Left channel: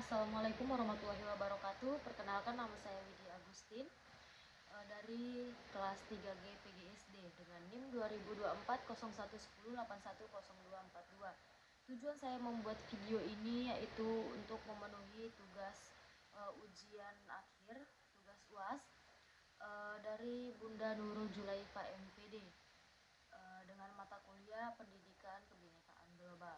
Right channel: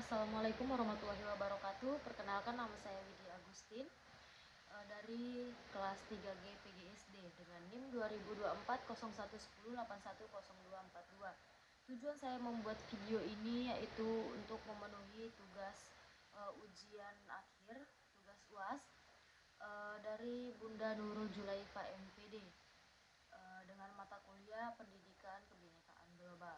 Assalamualaikum warahmatullahi wabarakatuh. Perkenalkan, nama saya Widya Agustin dari kelas 3G PGSD dengan NIM 2024 0110810242. Tujuan saya membuat video ini yaitu untuk memenuhi tugas ujian akhir, tugas UAS dari Bunda Nurul Julaifa MPD dengan mata kuliah Pendidikan Kebinekaan Global.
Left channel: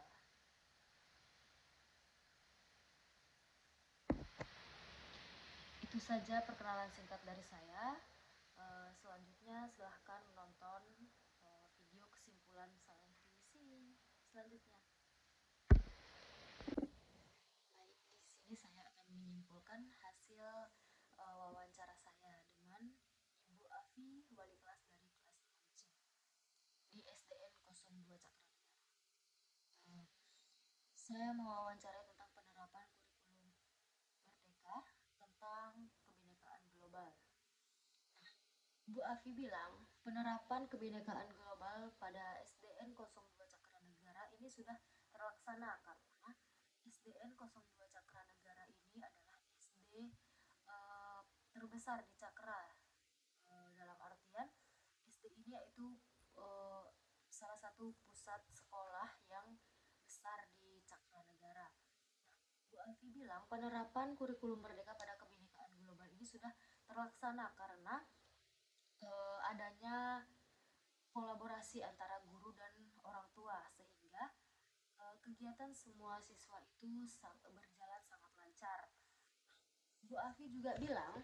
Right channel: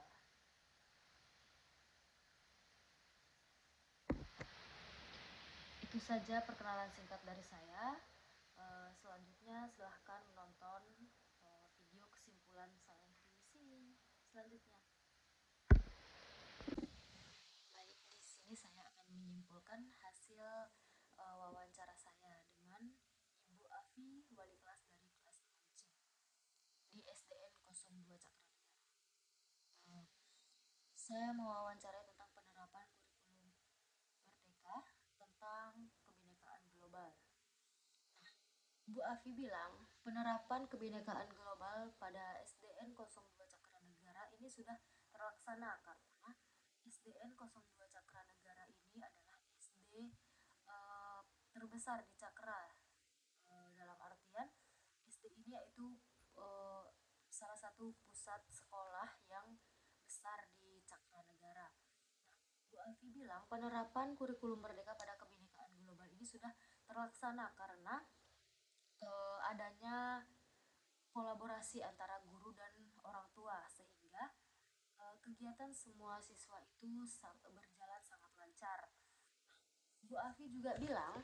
Itu saja perkenalan singkat dari saya. Selanjutnya silahkan menonton video kesimpulan saya di sini selanjutnya. Baik, di sini saya akan menyimpulkan hasil wawancara saya dengan Ibu Afi, wali kelas dari kelas 6C di SDN 02 Cakranegara. Saya mewawancarai tentang penerapan kurikulum Merdeka tentang kebinekaan global. Bu Afi bilang, penerapan kebinekaan global pada SDN 02 Cakranegara ini sudah terlaksana karena SDN 02 Cakranegara ini adalah SD terbesar di Cakra. Dalam artian SD ini yaitu salah satu pusat sekolah yang besar di Cakranegara. Bu Alfi bilang penerapan kurikulum Merdeka pada kebinekaan global ini sudah terlaksana karena adanya kolaborasi antara guru dan orang tua sehingga kegiatan semua siswa itu berjalan sangat lancar. Bu Alfi juga bilang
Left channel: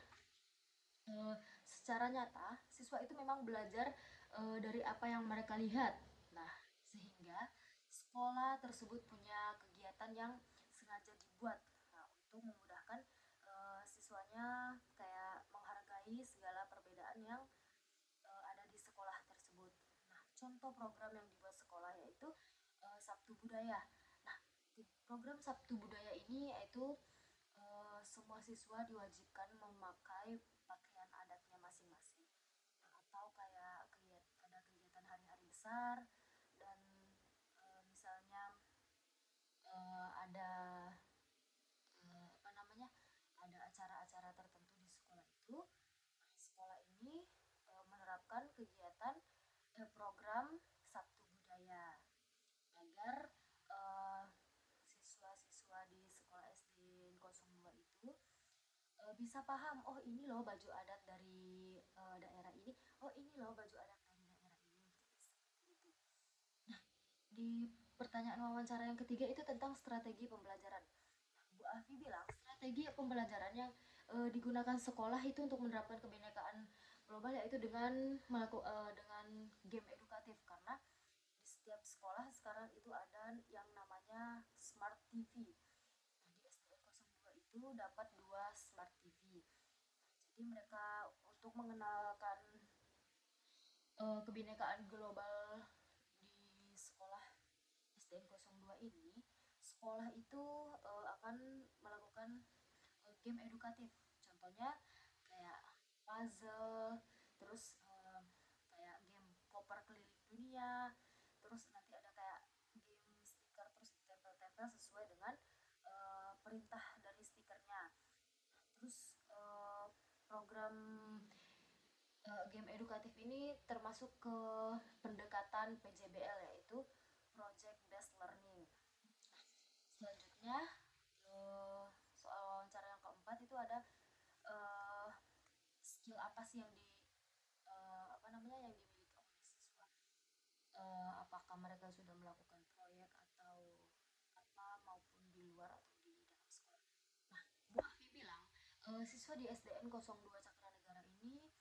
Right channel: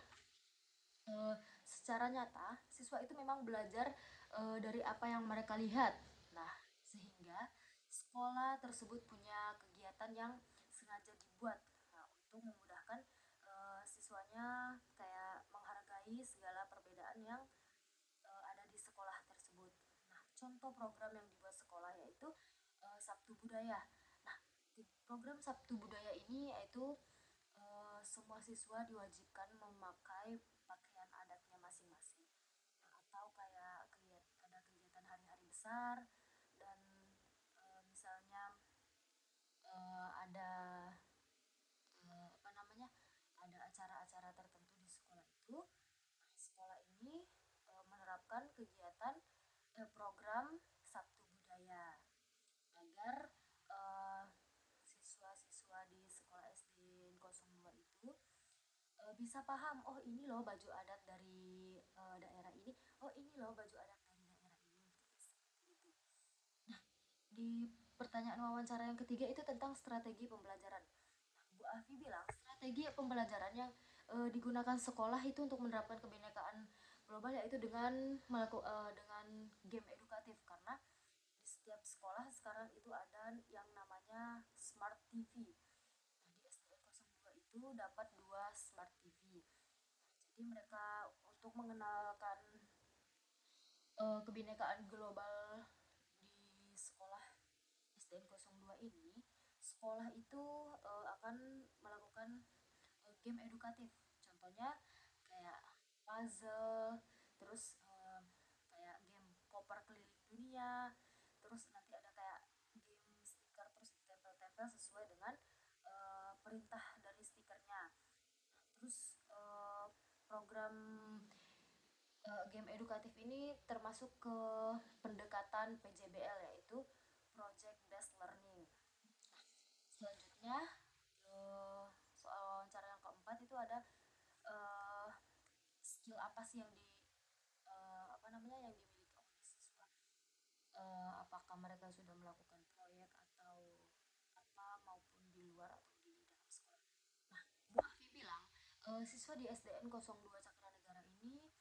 secara nyata siswa itu memang belajar dari apa yang mereka lihat. Nah, sehingga sekolah tersebut punya kegiatan yang sengaja dibuat untuk memudahkan siswanya kayak menghargai segala perbedaan yang ada di sekolah tersebut. Nah, contoh program yang dibuat sekolah yaitu Sabtu Budaya. Nah, di program Sabtu Budaya ini yaitu semua siswa diwajibkan memakai pakaian adatnya masing-masing. Nah, atau kayak ada kegiatan hari-hari besar dan misalnya ada ada acara-acara tertentu di sekolah itu. Nah, sekolah ini menerapkan kegiatan program Sabtu Budaya agar siswa-siswa di sekolah SD 02 itu bisa paham, oh ini loh baju adat dari daerah ini, oh ini loh baju adat dari daerah ini. Nah, di pertanyaan wawancara yang ketiga itu tentang strategi pembelajaran. Nah, Bu Afi bilang strategi pembelajaran yang digunakan sekolah itu untuk menerapkan kebinekaan global yaitu dengan dengan game edukatif karena di setiap sekolah sekarang itu ada yang namanya Smart TV. Nah, di SDN 02 itu dapat 2 Smart TV. Nah, jadi mereka untuk mengenalkan kebinekaan global di sekolah SDN 02 ini, sekolah itu akan melakukan game edukatif. Contohnya kayak puzzle, terus kayak game koper keliling dunia, terus nanti ada kayak game stiker terus tempel-tempel sesuai dengan perintah dari stikernya. Terus program game edukatif ini termasuk ke pendekatan PJBL yaitu Project Based Learning. Selanjutnya soal wawancara yang keempat itu ada skill apa sih yang yang dimiliki oleh siswa, apakah mereka sudah melakukan proyek atau apa maupun di luar atau di dalam sekolah. Nah, Bu Afi bilang siswa di SDN 02 Cakranegara ini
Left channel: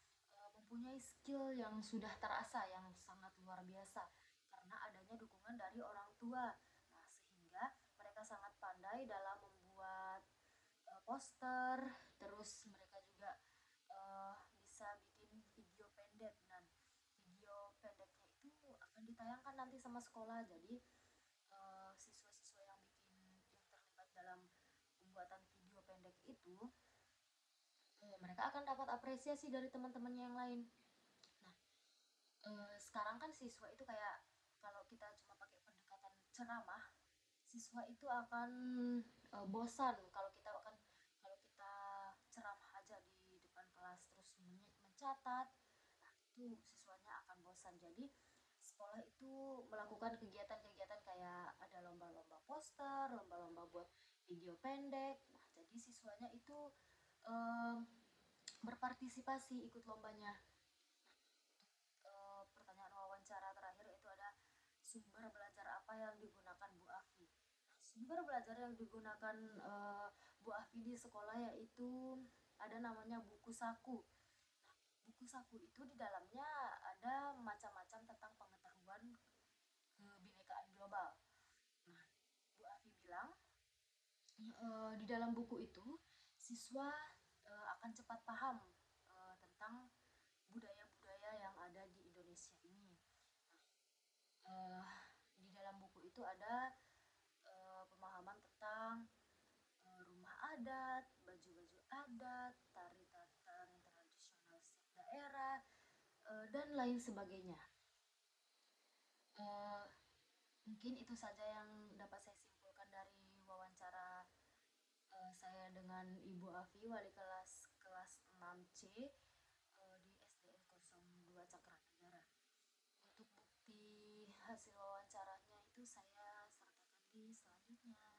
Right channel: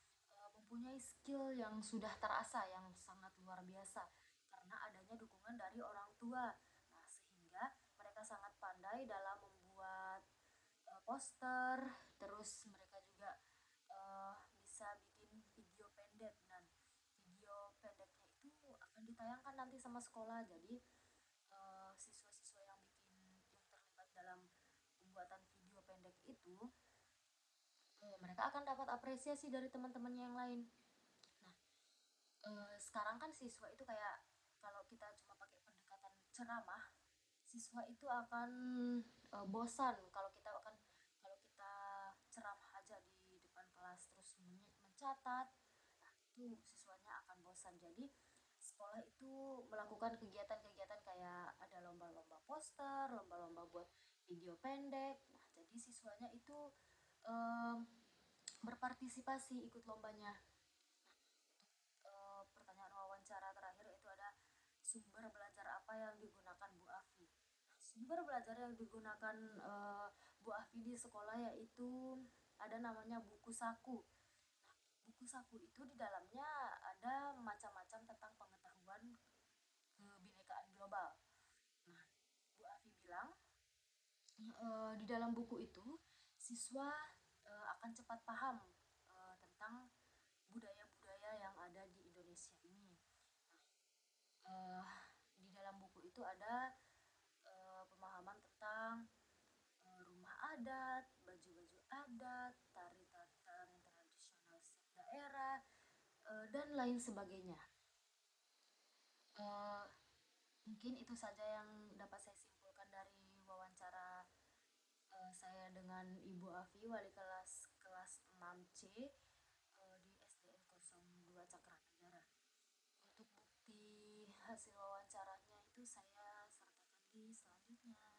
mempunyai skill yang sudah terasa yang sangat luar biasa karena adanya dukungan dari orang tua. Nah, sehingga mereka sangat pandai dalam membuat poster, terus mereka juga bisa bikin video pendek dan video pendeknya itu akan ditayangkan nanti sama sekolah. Jadi siswa-siswa yang terlibat dalam pembuatan video pendek itu mereka akan dapat apresiasi dari teman-temannya yang lain. Nah, sekarang kan siswa itu kayak kalau kita cuma pakai pendekatan ceramah, siswa itu akan bosan kalau kita mencatat, nah itu siswanya akan bosan. Jadi sekolah itu melakukan kegiatan-kegiatan kayak ada lomba-lomba poster, lomba-lomba buat video pendek. Nah, jadi siswanya itu berpartisipasi ikut lombanya. Pertanyaan wawancara terakhir itu ada sumber belajar apa yang digunakan Bu Afi. Nah, sumber belajar yang digunakan Bu Afi di sekolah yaitu ada namanya buku saku. Nah, buku saku itu di dalamnya ada macam-macam tentang pengetahuan kebinekaan global. Nah, Bu Afi bilang di dalam buku itu siswa akan cepat paham tentang budaya-budaya yang ada di Indonesia ini. Nah, di dalam buku itu ada pemahaman tentang rumah adat, baju-baju adat, tari-tari tradisional setiap daerah, dan lain sebagainya. Mungkin itu saja yang dapat saya simpulkan dari wawancara saya dengan Ibu Afi, wali kelas 6C di SDN 02 Cakranegara. Untuk bukti hasil wawancaranya itu saya sertakan di selanjutnya.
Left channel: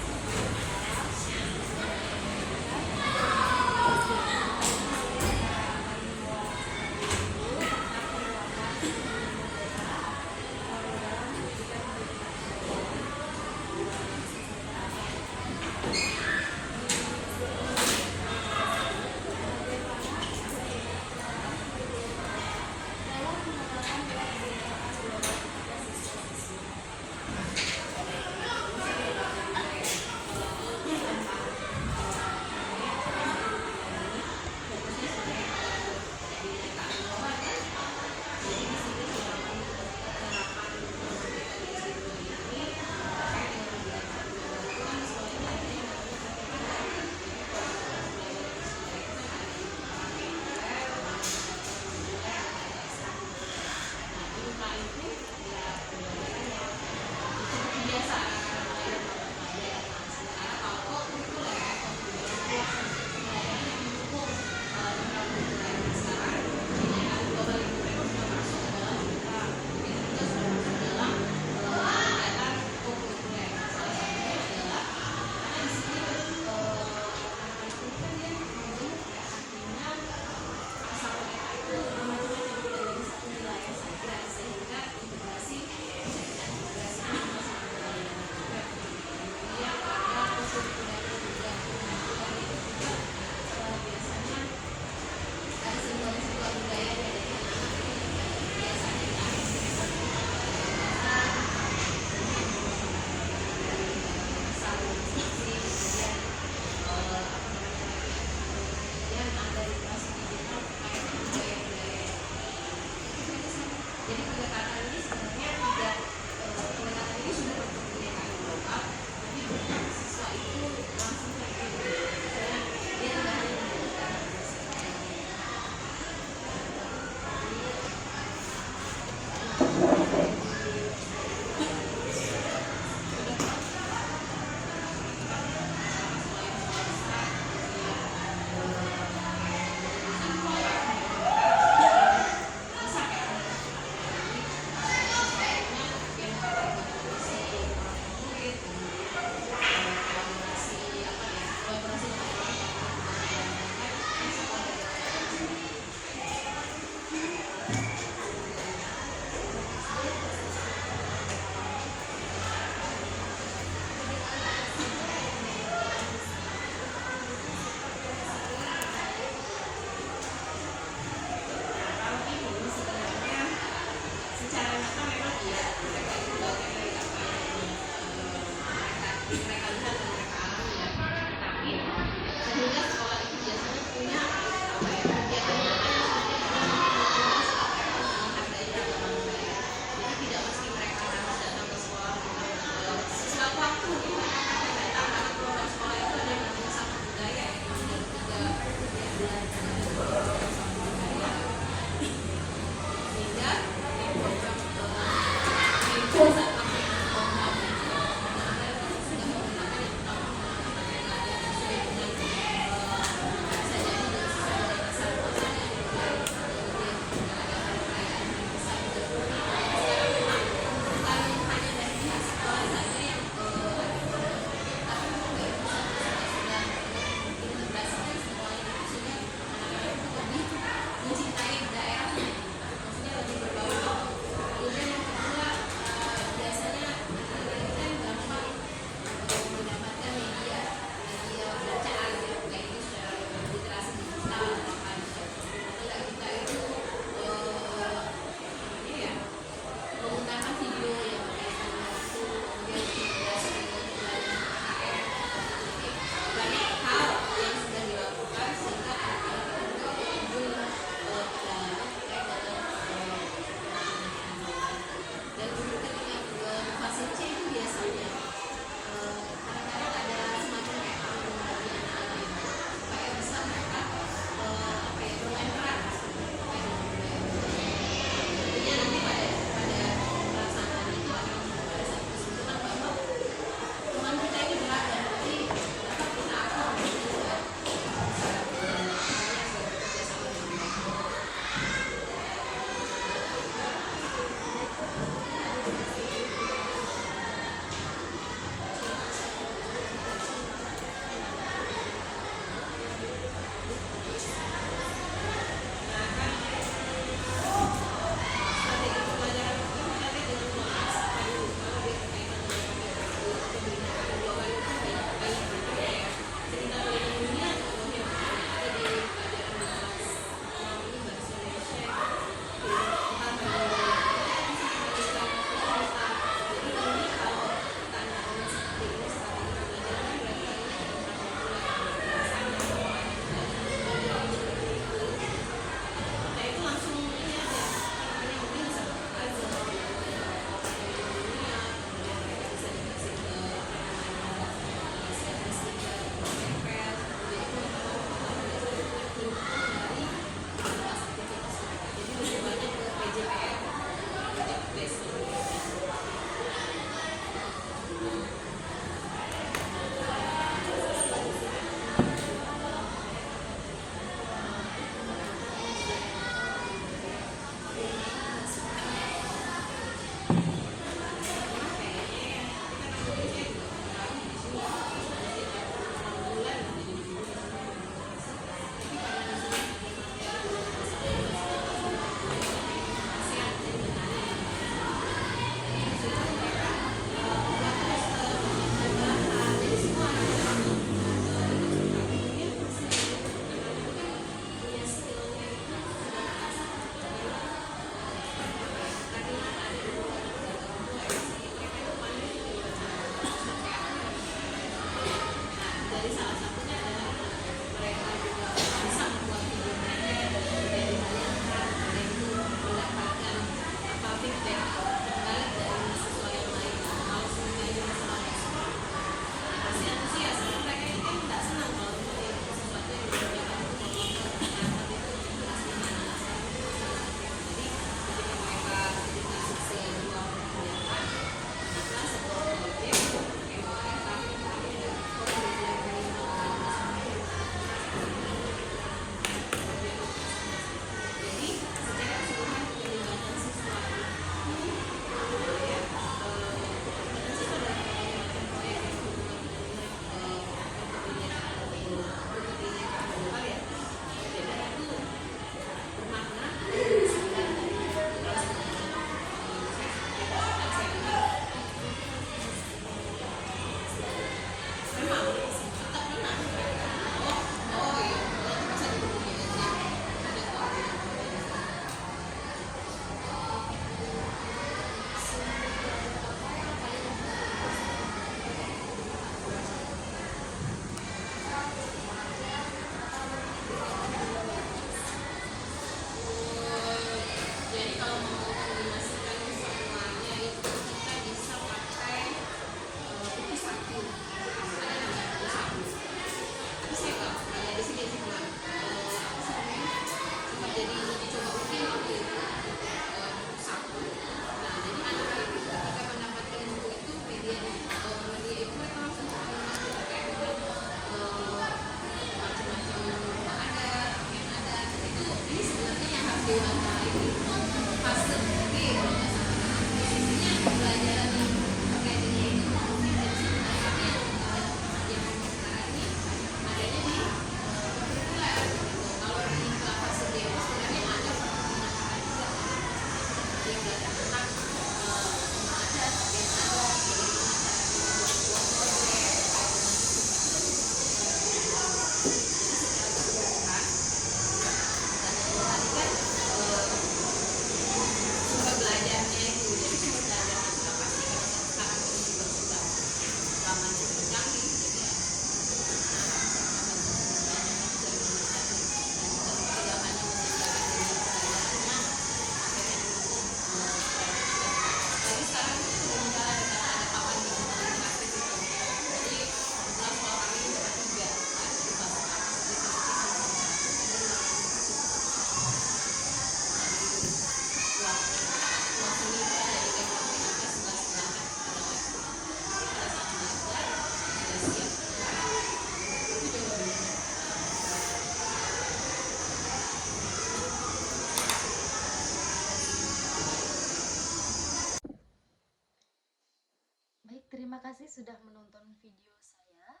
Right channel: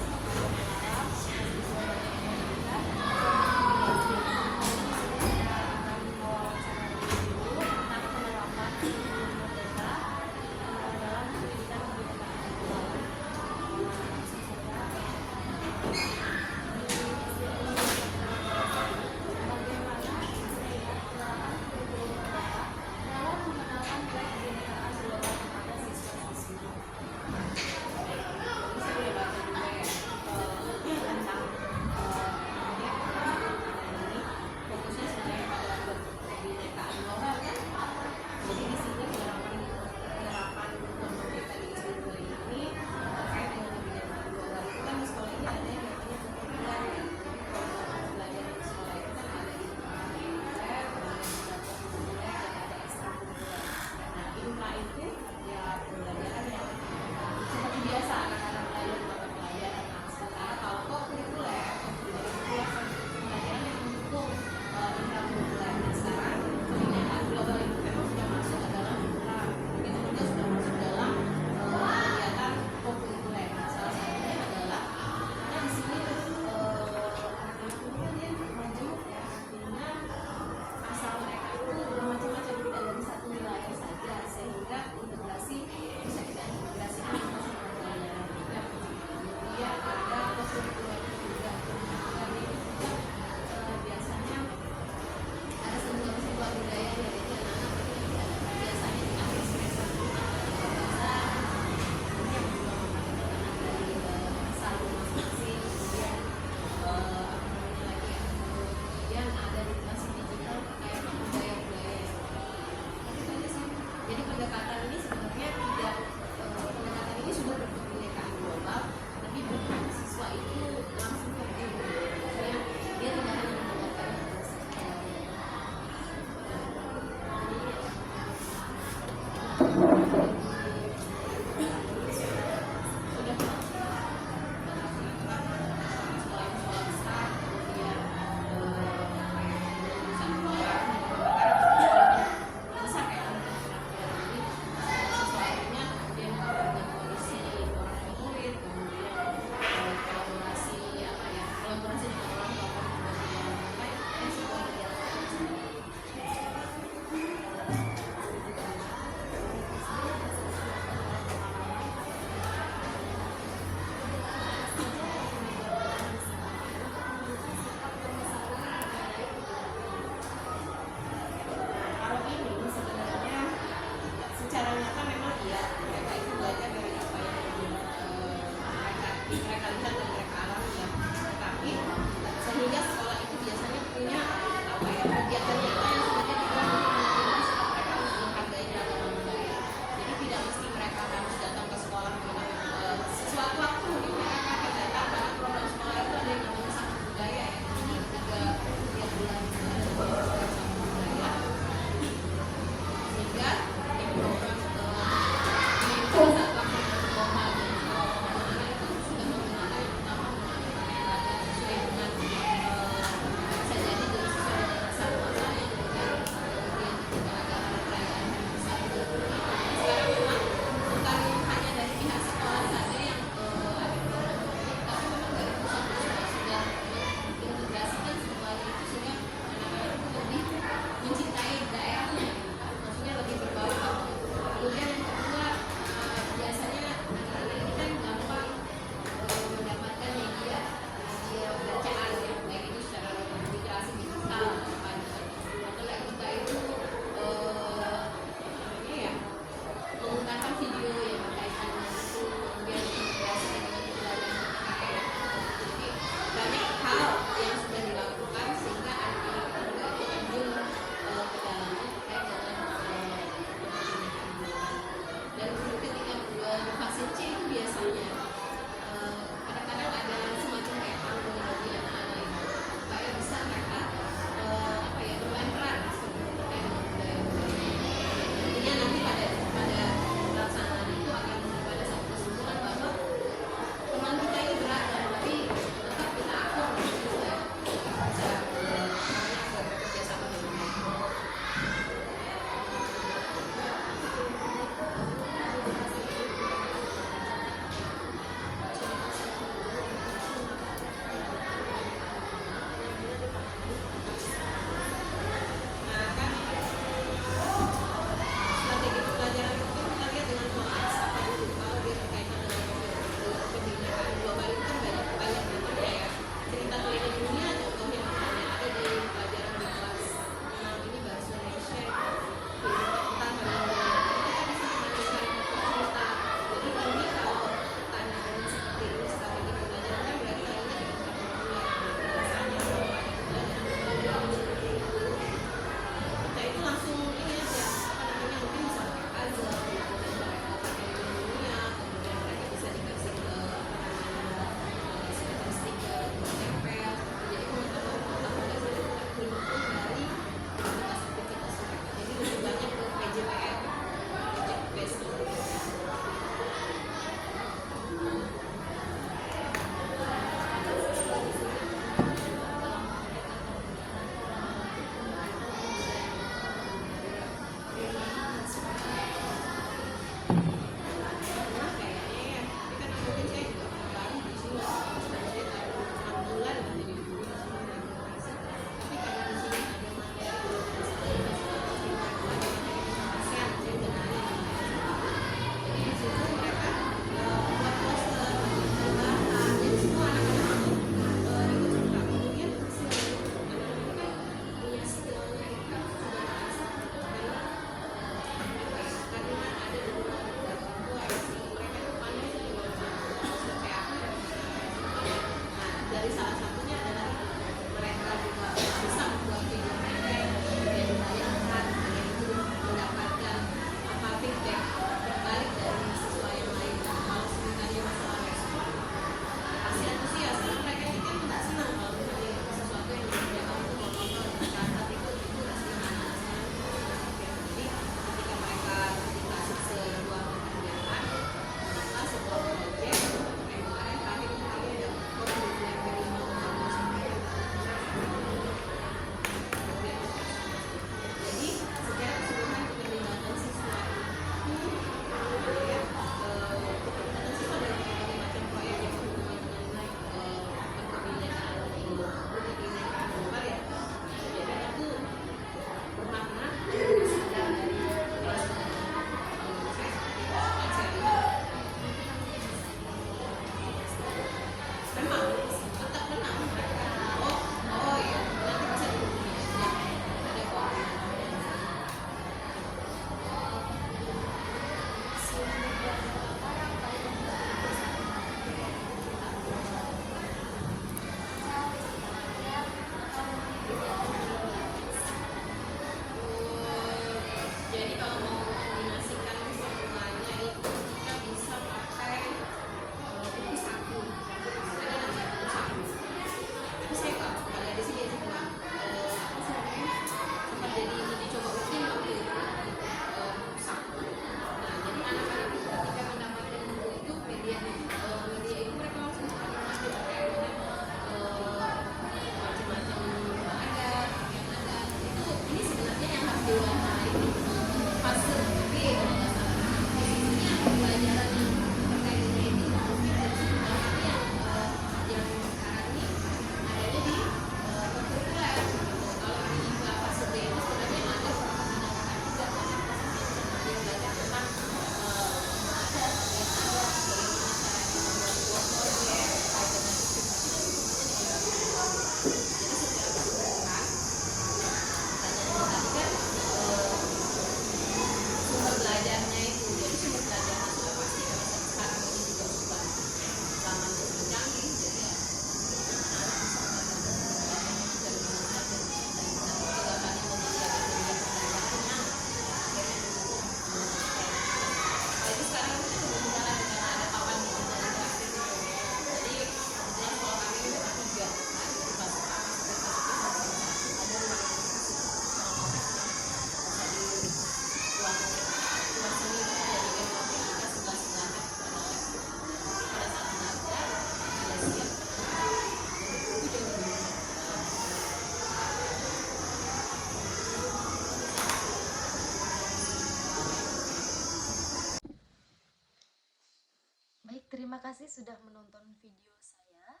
Terima kasih sudah menonton video saya.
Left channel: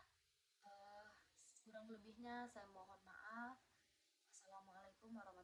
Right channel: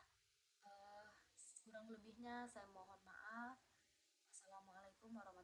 Kurang lebihnya saya mohon maaf. Assalamualaikum warahmatullahi wabarakatuh.